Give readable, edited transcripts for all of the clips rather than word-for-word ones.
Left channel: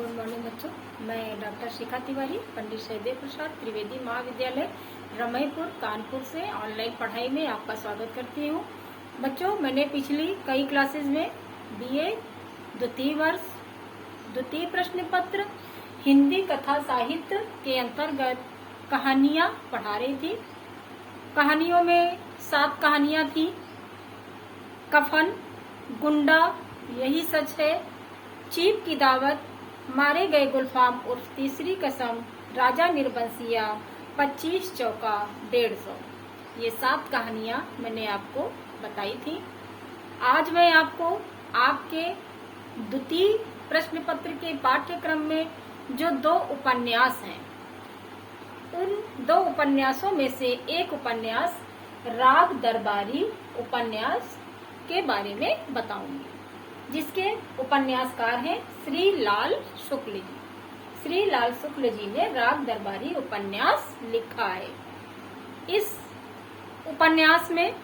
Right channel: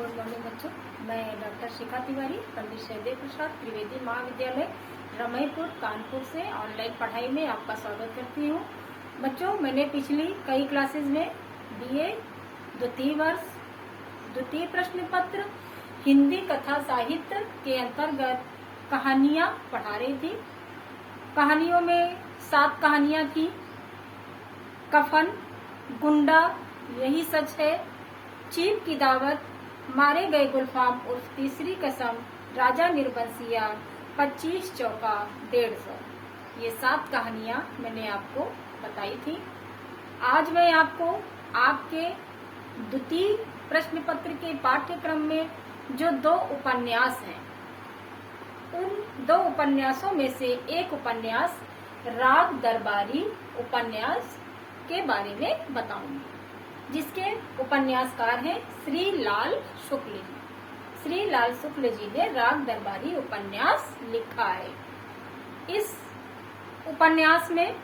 Good morning बच्चों। मैं doctor शिखा तिवारी, पंडित सहदेव प्रसाद त्रिवेदी महाविद्यालय रमईपुर कानपुर से ऑनलाइन पढ़ाई में आपका स्वागत करती हूँ। बच्चों, मैंने पिछली कई क्लासेस में बीए द्वितीय वर्ष द्वितीय प्रश्न पत्र हिंदी कथा साहित्य के अंतर्गत कहानियाँ पढ़ा रही थी। कहानियों में 7 कहानियाँ थी। कफन, गुंडा, यही सच है, चीप की दावत, मारे गए गुलफाम उर्फ तीसरी कसम, राजा निर्बंसिया, 25 चौका, 150। ये 7 कहानियां मैंने आपको बताई थी। आज मैं आपको आपके द्वितीय प्रश्न पत्र के पाठ्यक्रम में जो 2 उपन्यास हैं, उन 2 उपन्यासों में से एक उपन्यास राग दरबारी उपन्यास के बारे में बताऊंगी, जिसके उपन्यासकार हैं श्री लाल शुक्ल जी। श्री लाल शुक्ल जी ने राग दरबारी उपन्यास लिखा है। इस उपन्यास में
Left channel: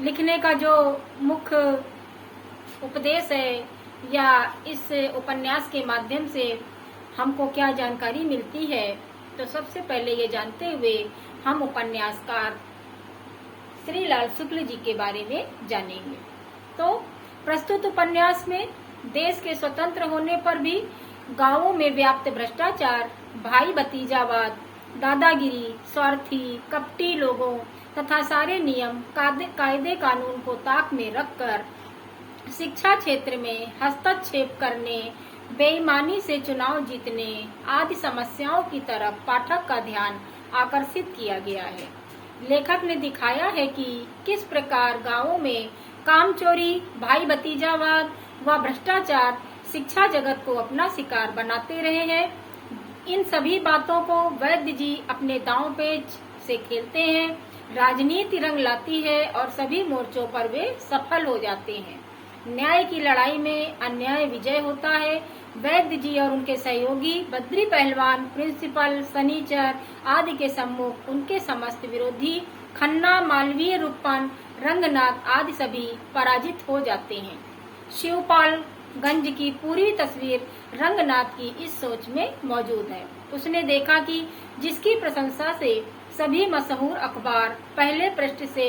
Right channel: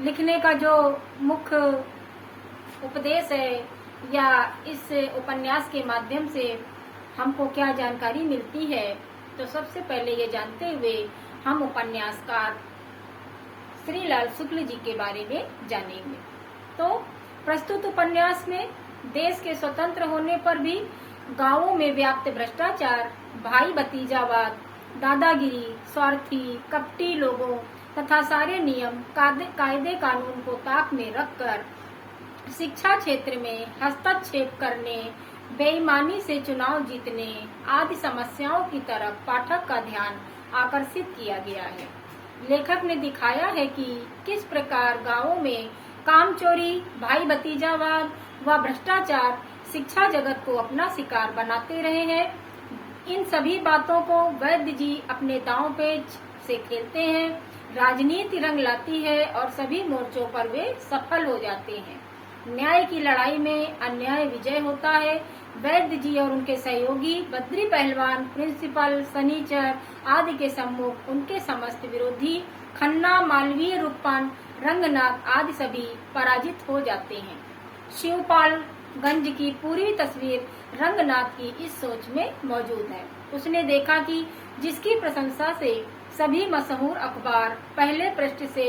लिखने का जो मुख्य उपदेश है या इस उपन्यास के माध्यम से हमको क्या जानकारी मिलती है, तो सबसे पहले ये जानते हुए हम उपन्यासकार श्री लाल शुक्ल जी के बारे में जानेंगे। तो प्रस्तुत उपन्यास में देश के स्वतंत्र होने पर भी गांवों में व्याप्त भ्रष्टाचार, भाई भतीजावाद, दादागिरी, स्वार्थी, कपटी लोगों तथा सारे नियम कायदे कानून को ताक में रखकर शिक्षा क्षेत्र में हस्तक्षेप करने, बेईमानी से चुनाव जीतने आदि समस्याओं की तरफ पाठक का ध्यान आकर्षित किया गया है। लेखक ने दिखाया है कि किस प्रकार गांवों में कामचोरी, भाई भतीजावाद व भ्रष्टाचार शिक्षा जगत को अपना शिकार बनाते रहे हैं। इन सभी बातों को वैद्य जी अपने दांव पेच से खेलते हैं। राजनीति रंग लाती है और सभी मोर्चों पर वे सफल हो जाते हैं। न्याय की लड़ाई में अन्याय विजय होता है। वैद्य जी और उनके सहयोगी बद्री पहलवान, प्रिंसिपल, सनीचर आदि के सम्मुख उनके समस्त विरोधी खन्ना, मालवीय, रूपन, रंगनाथ आदि सभी पराजित हो जाते हैं। शिवपाल गंज की पूरी तस्वीर रंगनाथ की इस सोच में मौजूद है। उसने देखा कि जिसकी प्रशंसा से सभी मशहूर अखबार पहले पृष्ठ से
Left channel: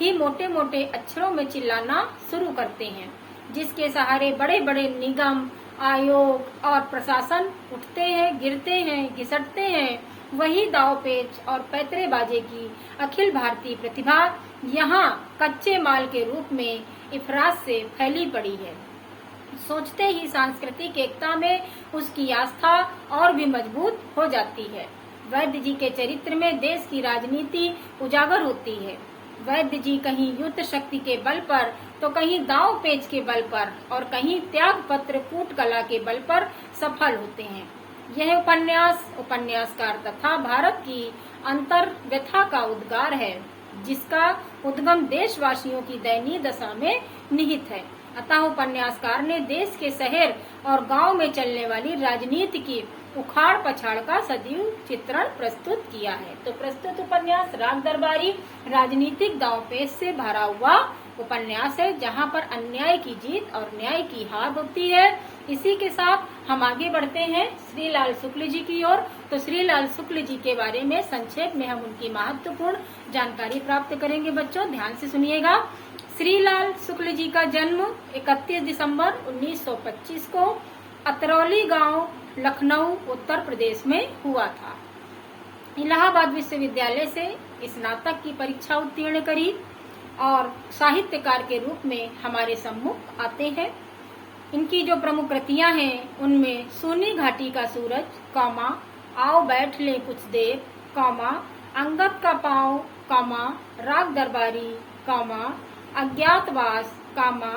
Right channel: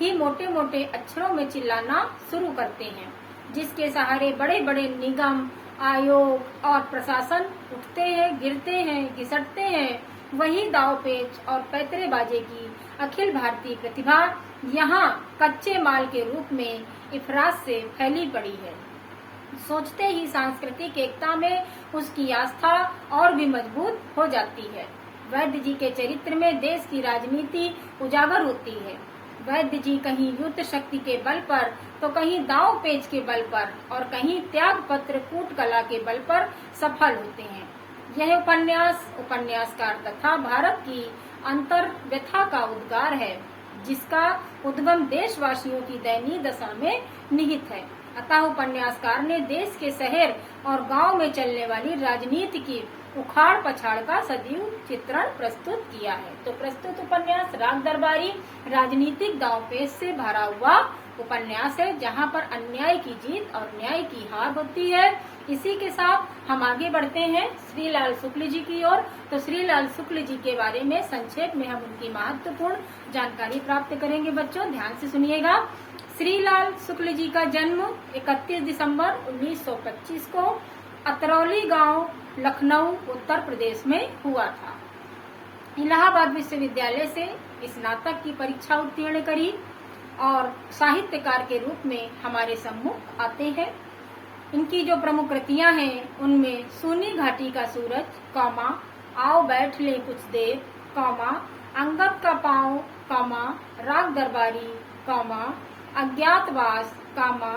ही मोटे मोटे अक्षरों में चिल्लाना शुरू करते हैं, जिसके सहारे बड़े बड़े निगम, आयोग और प्रशासन उठते हैं, गिरते हैं, घिसटते हैं, वही दावपेच और पैतरेबाजी की अखिल भारतीय प्रतिभा यहाँ कच्चे माल के रूप में इफराज से फैली पड़ी है। सोचते ही सांस्कृतिक एकता में उसकी आस्था और भी मजबूत हो जाती है। वैद्य जी के चरित्र में देश की राजनीति उजागर होती है। वैद्य जी कहीं युद्ध शक्ति के बल पर, तो कहीं दांव पेच के बल पर और कहीं त्याग पत्र कूट कला के बल पर सफल होते हैं। यह उपन्यास उपन्यासकार तथा भारत की अंतर व्यथा का उद्गार है, जिसका उद्गम देशवासियों की दयनीय दशा में निहित है। अतः उपन्यासकार ने देश के शहर और गांव में चलने वाली राजनीति की उखाड़ पछाड़ का सजीव चित्रण प्रस्तुत किया है। तो प्रस्तुत उपन्यास राग दरबारी राजनीतिक दांवपेच से भरा हुआ उपन्यास है, जहां पर अन्याय की जीत और न्याय की हार होती है। इसी के साथ हम आगे बढ़ते हैं श्री लाल शुक्ल जी की ओर। तो श्री लाल शुक्ल जी के बारे में संक्षेप में हम उनकी महत्वपूर्ण जानकारी प्राप्त करेंगे। बच्चों, ध्यान से सुनिएगा। श्री लाल शुक्ल जी का जन्म 31 दिसंबर 1925 को अतरौली गांव, लखनऊ, उत्तर प्रदेश में हुआ था। इलाहाबाद विश्वविद्यालय से स्नातक की परीक्षा उत्तीर्ण करी और साहित्यकार के रूप में हमारे सम्मुख आते हैं। इनकी जो प्रमुख कृतियां हैं, उनमें सूनी घाटी का सूरज, कौमा, आओ बैठ ले कुछ देर, कौमा, अंगद का पांव, कौमा, राग दरबारी, कौमा, अज्ञातवास, कौमा,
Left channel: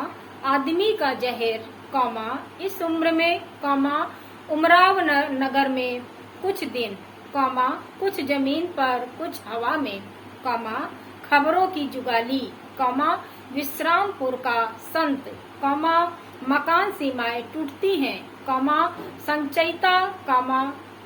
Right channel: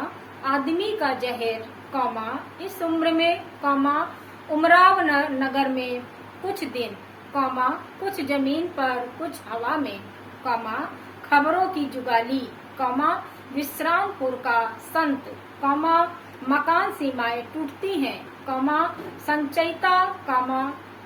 आदमी का जहर, कौमा, इस उम्र में, कौमा, उमराव नगर में कुछ दिन, कौमा, कुछ जमीन पर कुछ हवा में, कौमा, खबरों की जुगाली, कौमा, विश्रामपुर का संत, कौमा, मकान सीमाएं टूटती हैं, कौमा, संचयिता, कौमा,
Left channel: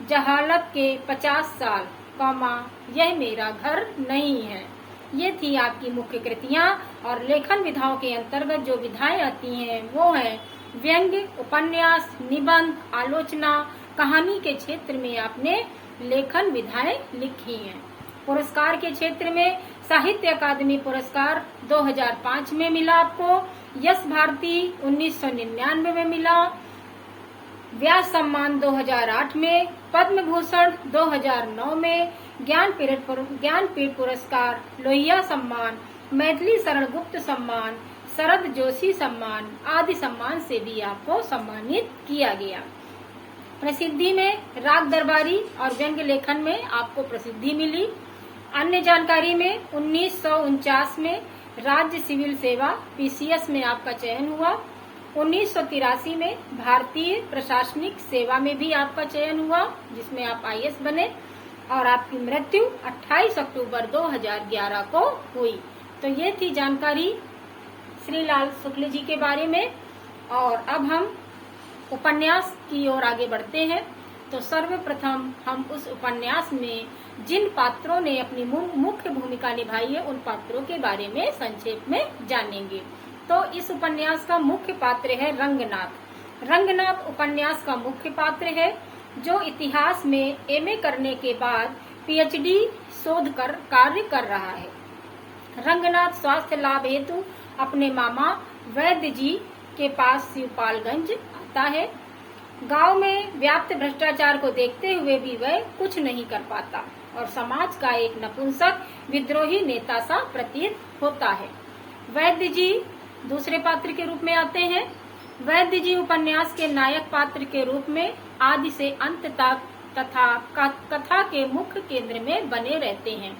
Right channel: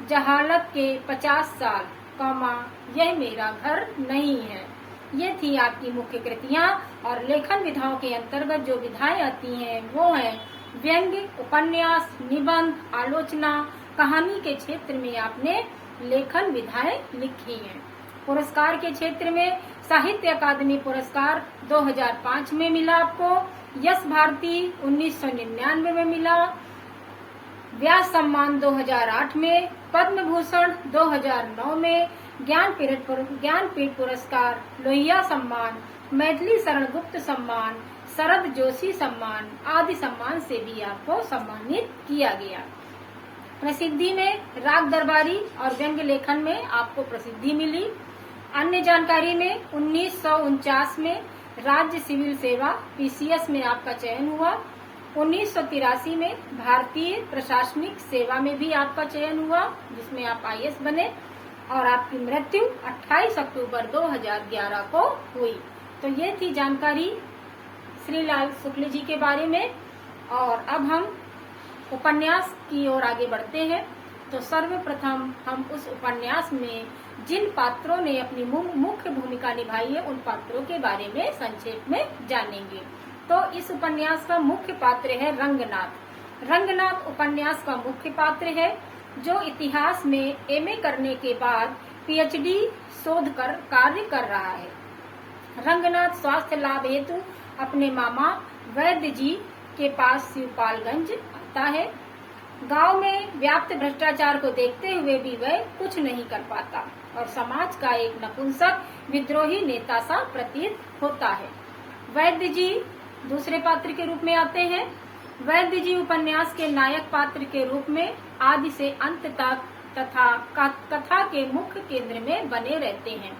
जहालत के 50 साल, कौमा, यह मेरा घर नहीं है। ये थी आपकी मुख्य कृतियां। और लेखन विधाओं के अंतर्गत जो विधाएं आती हैं वो है व्यंग्य, उपन्यास, निबंध, आलोचना, कहानी के क्षेत्र में आपने लेखन विधाएं लिखी हैं। पुरस्कार के क्षेत्र में साहित्य अकादमी पुरस्कार 2005 में मिला आपको, यश भारती 1999 में मिला, व्यास सम्मान 2008 में, पद्म भूषण 2009 में, ज्ञानपीठ पुरस्कार, लोहिया सम्मान, मैथिली शरण गुप्त सम्मान, शरद जोशी सम्मान आदि सम्मान से भी आपको सम्मानित किया गया। प्रसिद्धि में राग दरबारी और व्यंग्य लेखन में आपको प्रसिद्धि मिली। अन्य जानकारी में 1949 में राज्य सिविल सेवा PCS में आपका चयन हुआ। 1983 में भारतीय प्रशासनिक सेवा में भी आपका चयन हुआ, जिसमें आप IAS बने, और आपकी मृत्यु 28 अक्टूबर 2011 को हुई। तो ये थी जानकारी श्री लाल शुक्ल जी के बारे में। और अब हम उपन्यास की ओर आगे बढ़ते हैं। तो सर्वप्रथम हम उस उपन्यास में जिन पात्रों ने अपनी मुख्य भूमिका निभाई है उन पात्रों के बारे में संक्षेप में जानेंगे। तो इस उपन्यास का मुख्य पात्र है रंगनाथ। रंगनाथ उपन्यास का मुख्य पात्र है, जो इतिहास में MA करने के बाद PhD शोध कर कार्य कर रहा है। रंगनाथ स्वास्थ्य लाभ हेतु अपने मामा वैद्य जी के पास शिवपालगंज आता है। गांव में व्याप्त भ्रष्टाचार को देखते हुए भी वह कुछ नहीं कर पाता और समाज का एक नपुंसक विद्रोही नेता सा प्रतीत होता है। वैद्य जी दूसरे पात्र के रूप में आते हैं। वैद्य जी उपन्यास के नायक पात्र के रूप में आदि से अंत तक तथा कथा के मुख्य केंद्र में बने रहते हैं।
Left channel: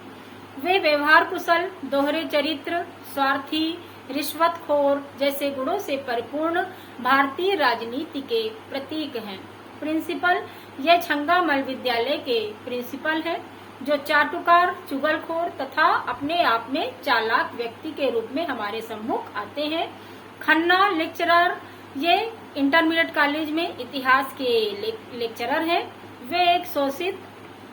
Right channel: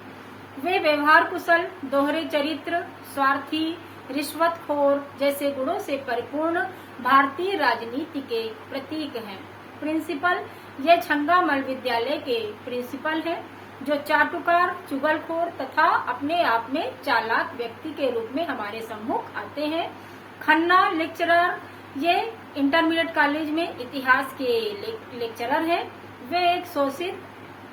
वे व्यवहार कुशल, दोहरे चरित्र, स्वार्थी, रिश्वतखोर जैसे गुणों से परिपूर्ण भारतीय राजनीति के प्रतीक हैं। प्रिंसिपल, यह छंगामल विद्यालय के प्रिंसिपल हैं, जो चाटुकार, चुगलखोर तथा अपने आप में चालाक व्यक्ति के रूप में हमारे सम्मुख आते हैं। खन्ना लेक्चरर, ये इंटरमीडिएट कॉलेज में इतिहास के लेक्चरर हैं। वे एक शोषित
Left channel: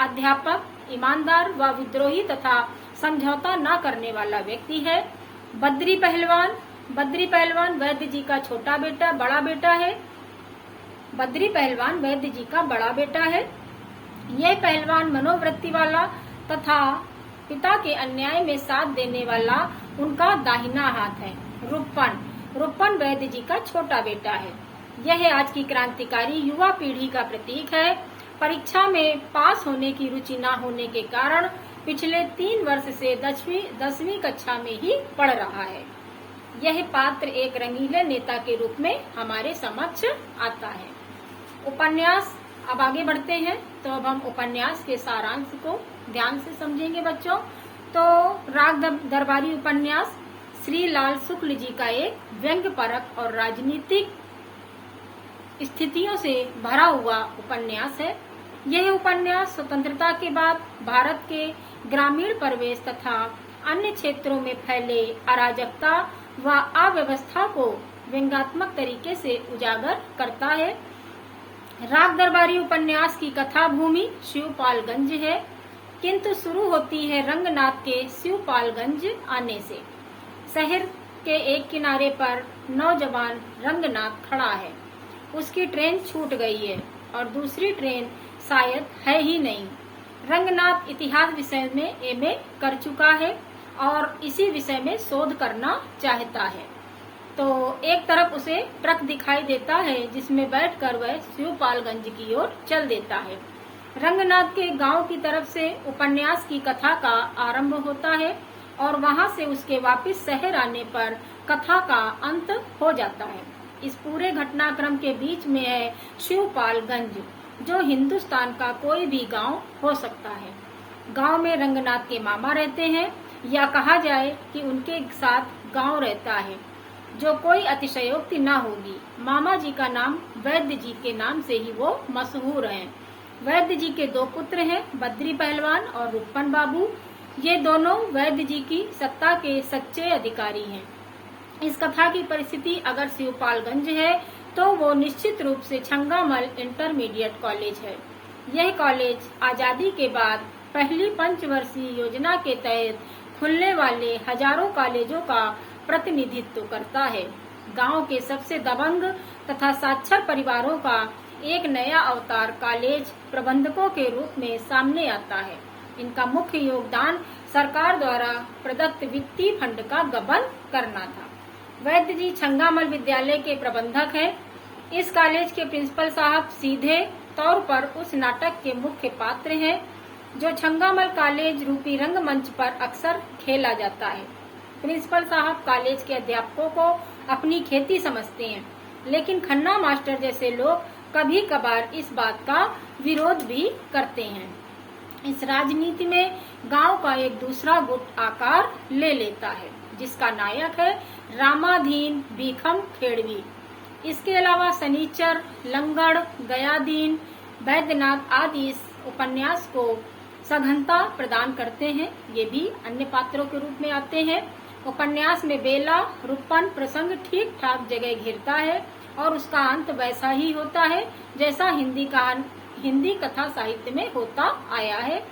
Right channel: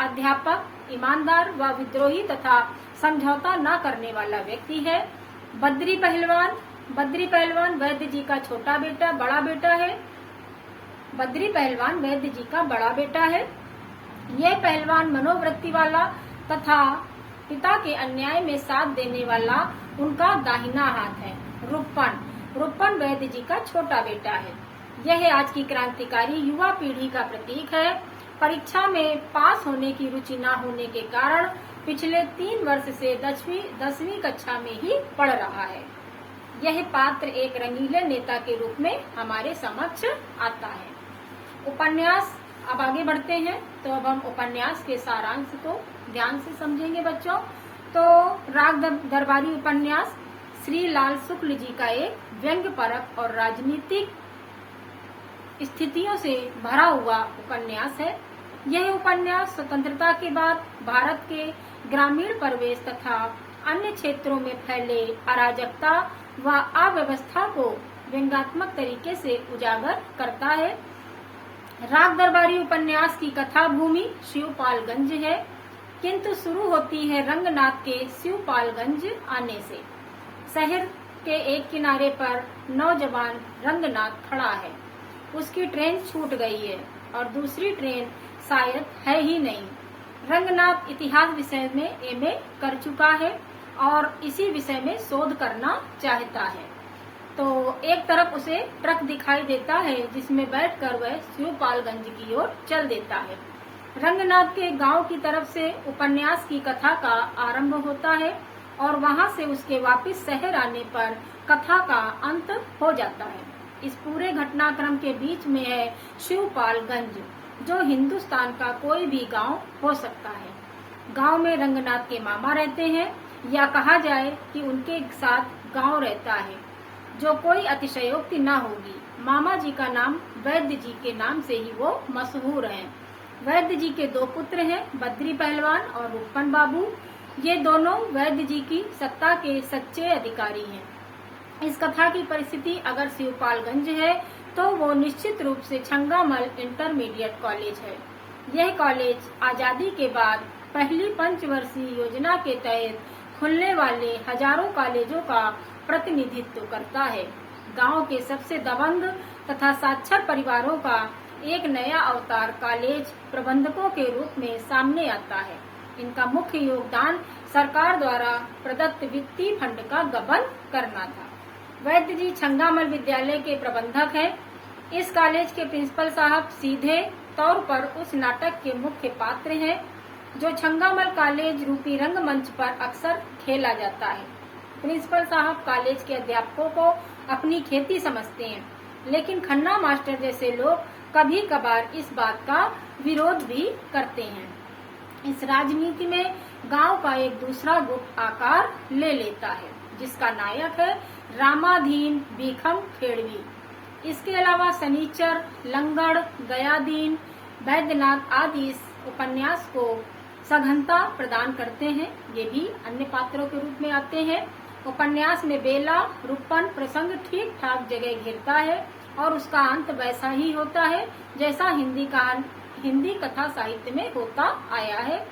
अध्यापक, ईमानदार व विद्रोही तथा समझौता न करने वाला व्यक्ति है। बद्री पहलवान वैद्य जी का बड़ा बेटा है। बद्री पहलवान वैद्य जी का बड़ा बेटा है। यह पहलवान मनोवृत्ति वाला तथा पिता के अन्याय में साथ देने वाला उनका दाहिना हाथ है। रुपन वैद्य जी का छोटा बेटा है। यह आज की क्रांतिकारी युवा पीढ़ी का प्रतीक है। परीक्षा में पास होने की रुचि न होने के कारण पिछले 3 वर्ष से 10वीं कक्षा में ही पढ़ रहा है। यह पात्र एक रंगीले नेता के रूप में हमारे समक्ष आता है। उपन्यास, अब आगे बढ़ते हैं। तो अब हम उपन्यास के सारांश को ध्यान से समझेंगे बच्चों। तो राग दरबारी उपन्यास श्री लाल शुक्ल जी का एक व्यंग्यपरक और राजनीतिक स्थितियों से भरा हुआ उपन्यास है। यह उपन्यास स्वतंत्रता के बाद भारत के ग्रामीण परिवेश तथा अन्य क्षेत्रों में फैले अराजकता व अव्यवस्था को व्यंग्यात्मक तरीके से उजागर करता है। राग दरबारी उपन्यास की कथा भूमि शिवपालगंज है, किंतु शुरू होती है रंगनाथ के शिवपालगंज आने से। शहर के एक किनारे पर नौजवान रंगनाथ खड़ा है। उसकी ट्रेन छूट गई है और दूसरी ट्रेन शायद है ही नहीं। रंगनाथ इतिहास विषय में MA कर चुका है और इसी विषय में शोध करना चाहता है। तो एक तरफ उसे ट्रक दिखाई देता है जिसमें बैठकर वह शिवपालगंज की ओर चल देता है। रंगनाथ के गांव की तरफ से उपन्यास की कथा का आरंभ होता है और वहां से उसके वापस शहर आने पर कथा का अंत हो जाता है। इस पूरे घटनाक्रम के बीच में है शिवपालगंज, जो हिंदुस्तान का कोई भी गांव हो सकता है। गांव में रंगनाथ के मामा रहते हैं, या कहा जाए कि उनके साथ गांव रहता है, जो कोई अतिशयोक्ति न होगी। मामा जी का नाम वैद्य जी के नाम से ही वो मशहूर हैं। वैद्य जी के 2 पुत्र हैं, बद्री पहलवान और रुपन बाबू। ये दोनों वैद्य जी की सत्ता के सच्चे अधिकारी हैं। इस कथा की परिस्थिति अगर शिवपालगंज है तो वो निश्चित रूप से छंगामल इंटरमीडिएट कॉलेज है। यह कॉलेज आजादी के बाद पहली पंचवर्षीय योजना के तहत खुलने वाले हजारों कॉलेजों का प्रतिनिधित्व करता है। गांव के सबसे दबंग तथा साक्षर परिवारों का एक नया अवतार कॉलेज प्रबंधकों के रूप में सामने आता है। इनका मुख्य योगदान सरकार द्वारा प्रदत्त वित्तीय फंड का गबन करना था। वैद्य जी छंगामल विद्यालय के प्रबंधक हैं। इस कॉलेज के प्रिंसिपल साहब सीधे तौर पर उस नाटक के मुख्य पात्र हैं जो छंगामल कॉलेज रूपी रंगमंच पर अक्सर खेला जाता है। प्रिंसिपल साहब कॉलेज के अध्यापकों को अपनी खेती समझते हैं, लेकिन खन्ना मास्टर जैसे लोग कभी कभार इस बात का विरोध भी करते हैं। इस राजनीति में गांव का एक दूसरा गुट आकार ले लेता है, जिसका नायक है रामाधीन भीखम खेड़वी। इसके अलावा सनीचर, लंगड़, दयादीन, वैद्यनाथ आदि इस उपन्यास को सघनता प्रदान करते हैं। ये भी अन्य पात्रों के रूप में आते हैं। उपन्यास में बेला रूपन प्रसंग ठीक ठाक जगह घेरता है और उसका अंत वैसा ही होता है जैसा हिंदी कथा साहित्य में होता आया है।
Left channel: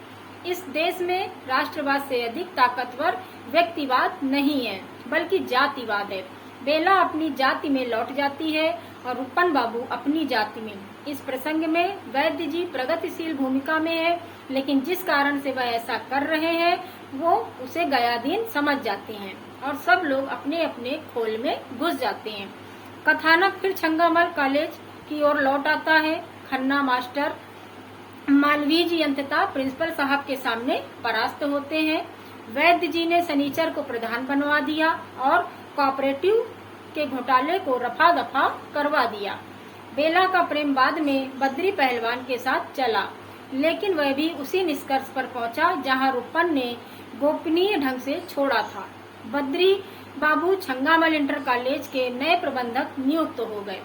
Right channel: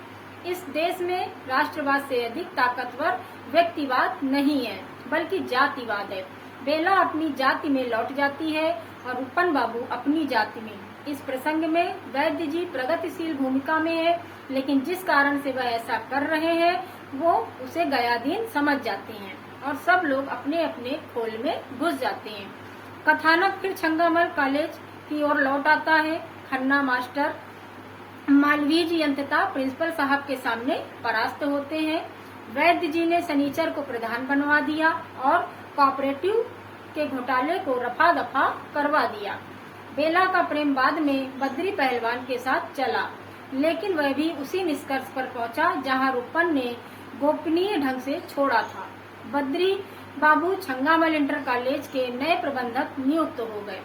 इस देश में राष्ट्रवाद से अधिक ताकतवर व्यक्तिवाद नहीं है, बल्कि जातिवाद है। बेला अपनी जाति में लौट जाती है और रूपन बाबू अपनी जाति में। इस प्रसंग में वैद्य जी प्रगतिशील भूमिका में है, लेकिन जिस कारण से वह ऐसा कर रहे हैं वो उसे गयाधीन समझ जाते हैं और सब लोग अपने अपने खोल में घुस जाते हैं। कथानक फिर छंगामल कॉलेज की ओर लौट आता है। खन्ना मास्टर मालवीय जी अंततः प्रिंसिपल साहब के सामने परास्त होते हैं। वैद्य जी ने सनीचर को प्रधान बनवा दिया और कोऑपरेटिव के घोटाले को रफा दफा करवा दिया। बेला का प्रेम बाद में बद्री पहलवान के साथ चला, लेकिन वह भी उसी निष्कर्ष पर पहुंचा जहां रूपन ने गोपनीय ढंग से छोड़ा था। बद्री बाबू छंगामल इंटर कॉलेज के नए प्रबंधक नियुक्त हो गए।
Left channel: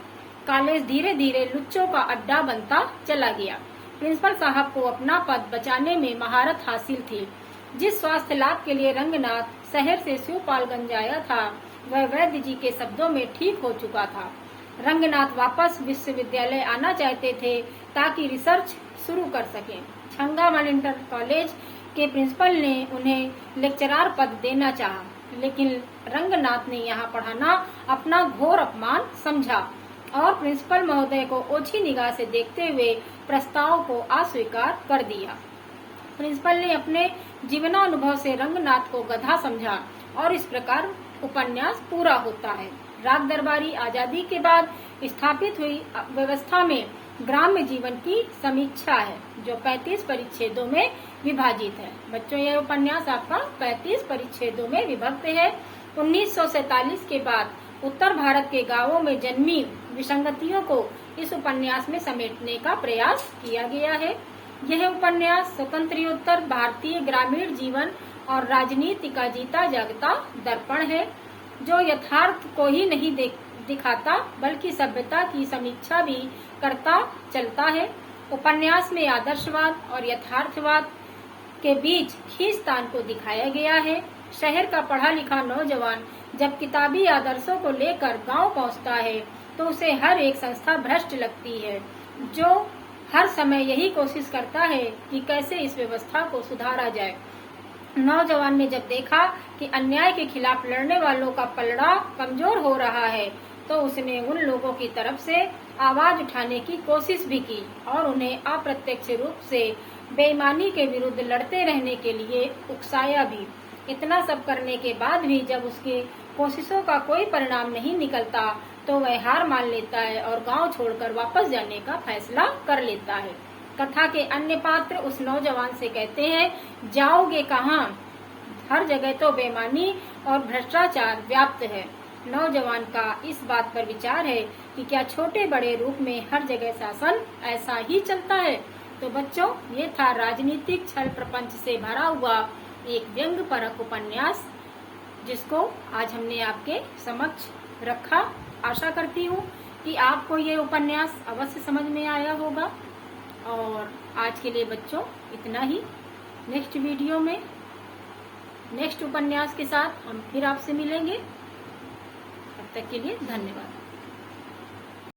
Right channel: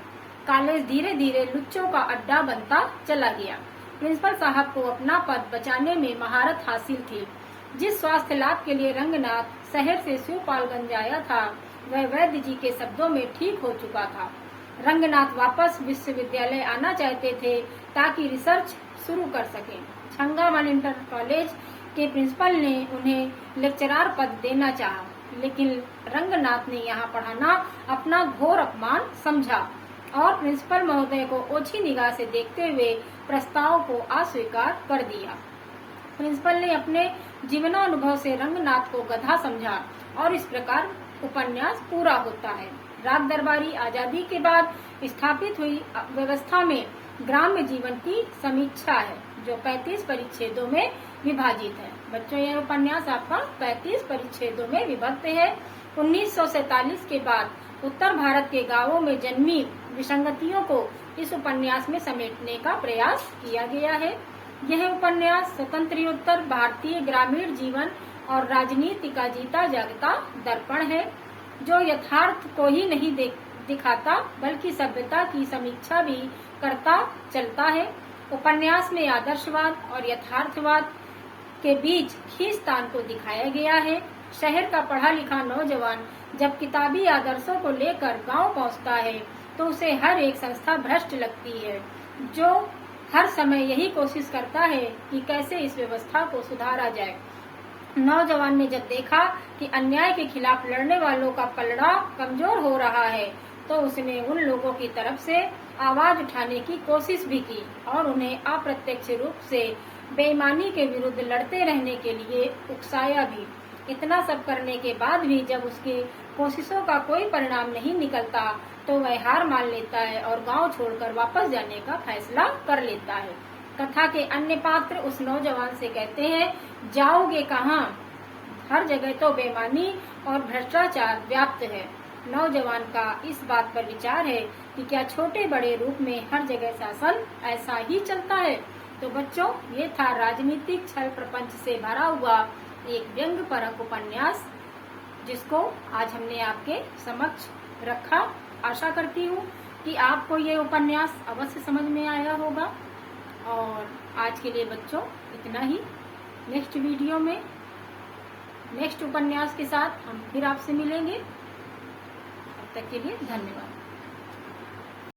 कॉलेज धीरे धीरे लुच्चों का अड्डा बनता चला गया। प्रिंसिपल साहब को अपना पद बचाने में महारत हासिल थी। जिस स्वास्थ्य लाभ के लिए रंगनाथ शहर से शिवपालगंज आया था, वह वैद्य जी के शब्दों में ठीक हो चुका था। रंगनाथ वापस विश्वविद्यालय आना चाहते थे ताकि रिसर्च शुरू कर सकें। छंगामल इंटर कॉलेज के प्रिंसिपल ने उन्हें लेक्चरार पद देना चाहा, लेकिन रंगनाथ ने यहाँ पढ़ाना अपना घोर अपमान समझा और प्रिंसिपल महोदय को ओछी निगाह से देखते हुए प्रस्ताव को अस्वीकार कर दिया। प्रिंसिपल ने अपने जीवनानुभव से रंगनाथ को गधा समझा और इस प्रकार उपन्यास पूरा होता है। राग दरबारी आजादी के बाद स्थापित हुई व्यवस्था में ग्राम्य जीवन की समीक्षा है, जो 35 परिच्छेदों में विभाजित है। बच्चों, यह उपन्यास आपका 35 परिच्छेदों में विभक्त है। 1947 के बाद उत्तर भारत के गांवों में जन्मी विसंगतियों को इस उपन्यास में समेटने का प्रयास किया गया है। यह उपन्यास स्वतंत्रोत्तर भारतीय ग्रामीण जीवन और राजनीति का जीता जागता दर्पण है, जो यथार्थ को ही नहीं दिखाता बल्कि सभ्यता की समीक्षा भी करता चलता है। उपन्यास में आदर्शवाद और यथार्थवाद के बीच खींचतान को दिखाया गया है। शहर का पढ़ा लिखा नौजवान जब किताबी आदर्शों को लेकर गांव पहुंचता है तो उसे हर एक संस्था भ्रष्ट लगती है, जो हर समय यही कोशिश करता है कि कैसे इस व्यवस्था को सुधारा जाए। नौजवान ने जब देखा कि अन्याय के खिलाफ लड़ने वालों का पलड़ा कमजोर हो रहा है तो उसने उन लोगों की तरफ से आवाज उठाने की कोशिश भी की और उन्हें अप्रत्यक्ष रूप से बेईमानी के विरुद्ध लड़ते रहने के लिए उकसाया भी। इतना सब करने के बाद भी जब उसकी कोशिशों का कोई परिणाम नहीं निकलता तो वह हार मान लेता है और गांव छोड़कर वापस जाने का फैसला कर लेता है। कथा के अन्य पात्र उस नौजवान से कहते हैं, जाओगे कहाँ? हर जगह तो बेईमानी और भ्रष्टाचार व्याप्त है। नौजवान का इस बात पर विचार है कि क्या छोटे बड़े रूप में हर जगह शासन ऐसा ही चलता है। तो बच्चों, ये था राजनीतिक छल प्रपंच से भरा हुआ एक व्यंग्य परक उपन्यास, जिसको आज हमने आपके समक्ष रखा। आशा करती हूँ कि आपको ये उपन्यास अवश्य समझ में आया होगा। और आज के लिए बच्चों इतना ही। नेक्स्ट वीडियो में नेक्स्ट उपन्यास के साथ हम फिर आपसे मिलेंगे। तब तक के लिए धन्यवाद।